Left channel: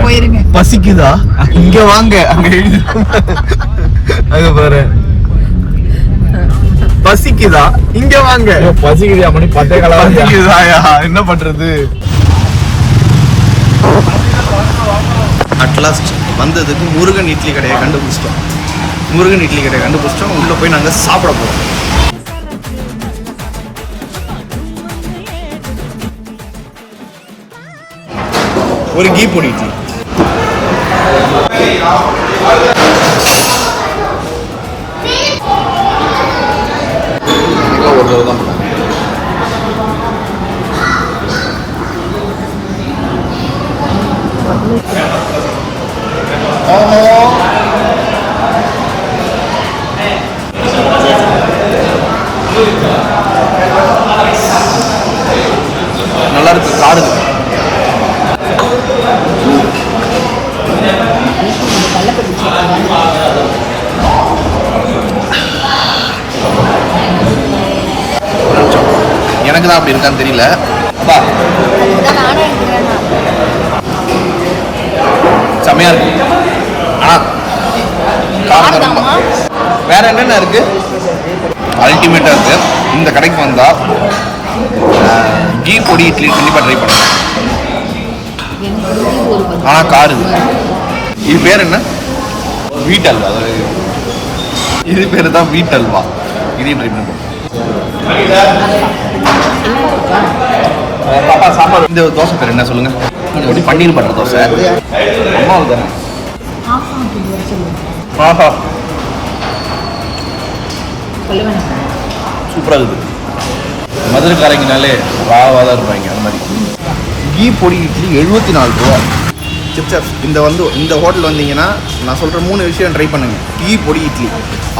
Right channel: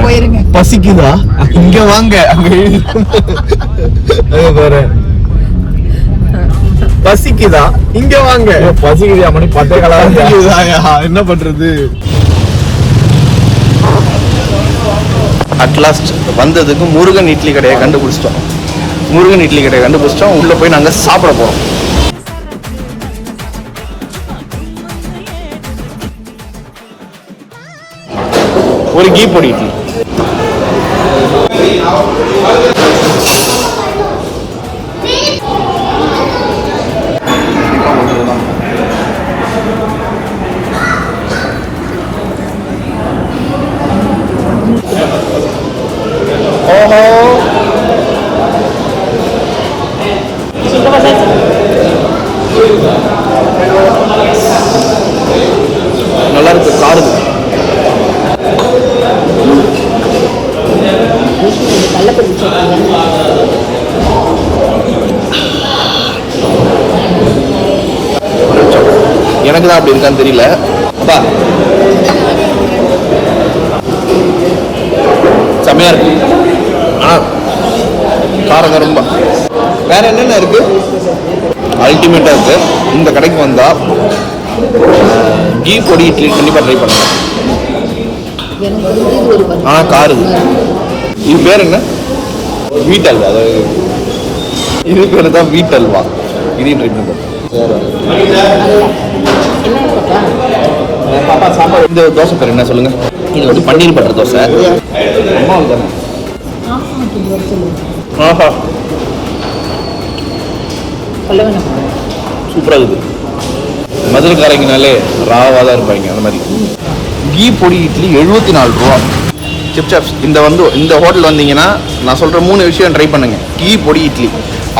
போறேன். பசிக்குதா? இங்க வாங்க. அங்க பாரு. பசிக்குதா? இங்க வாங்க. பசிக்குதா? மணி 10 பசிக்குதாயா? என்ன பண்றது? அட்லாஸ்ட் வந்ததுக்கு முருகன் இட்லி கடையை கண்டுபிடிச்சிட்டோம். முருகன் இட்லி கடையை கண்டுபிடிச்சிட்டோம். உள்ள போய் நாங்க சாப்பிட போறோம். ஒரு கீ பொடி இட்லி. ஓஹோ, நல்லா இருக்கு. காடுது. எனக்கு தான் அப்படி இருக்கான்னு தெரியல. அப்பா செம்மையா இருக்கு. ஆனா காரங்க ரொம்ப. வேற என்னென்ன இருக்கு? அல்டிமேட்டா இருக்கு. இந்த கடைக்கு வந்தா கீ பொடி இட்லி கண்டிப்பா ட்ரை பண்ணுங்க. ஆனா காருது. இது பேர் என்ன? வீட் அல்வா. அதாவது இது பேர் தான் வீட் அல்வா. இதையும் ட்ரை பண்ணி போட்டோம். பாப்பா சாப்பாடு. இந்த தோசை பேர் என்ன சொல்லுங்க? இது வந்து பன்னீர் பட்டர் தோசை. ஆஹா, சூப்பராக இருக்குது. மதுரைக்காரங்கனாலே ராவாக தான் இருப்பாங்க. அந்த மாதிரி கீ பொடி இட்லி 74 ரூபா. சிப்ஸ் இந்த ஹோட்டல் வந்தீங்கன்னா நான் சொல்கிற 3 விஷயம் ட்ரை பண்ணுங்க. கீ பொடி இட்லி,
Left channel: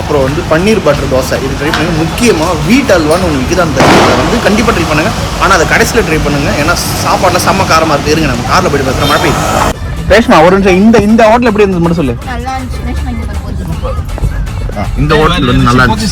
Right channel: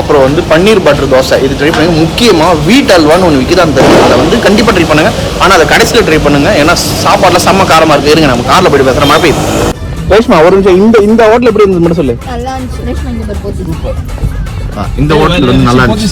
அப்புறம் வந்து பன்னீர் பட்டர் தோசை, இது ட்ரை பண்ணுங்க. முக்கியமாக வீட் அல்வான்னு ஒன்று விற்கிது. அந்த அதை வந்து கண்டிப்பாக ட்ரை பண்ணுங்க. ஆனால் அதை கடைசியில் ட்ரை பண்ணுங்க. ஏன்னா சாப்பாடுல செம்ம காரமாக இருக்கு. இருங்க, நம்ம காரில் போய் பேசுகிற மாதிரி ரேஷ்மா ஒரு நிமிஷம். இந்த ஹோட்டல் எப்படி இருந்து மட்டும் சொல்லு. இந்த ஹோட்டல் வந்து நல்லா இருந்துச்சு.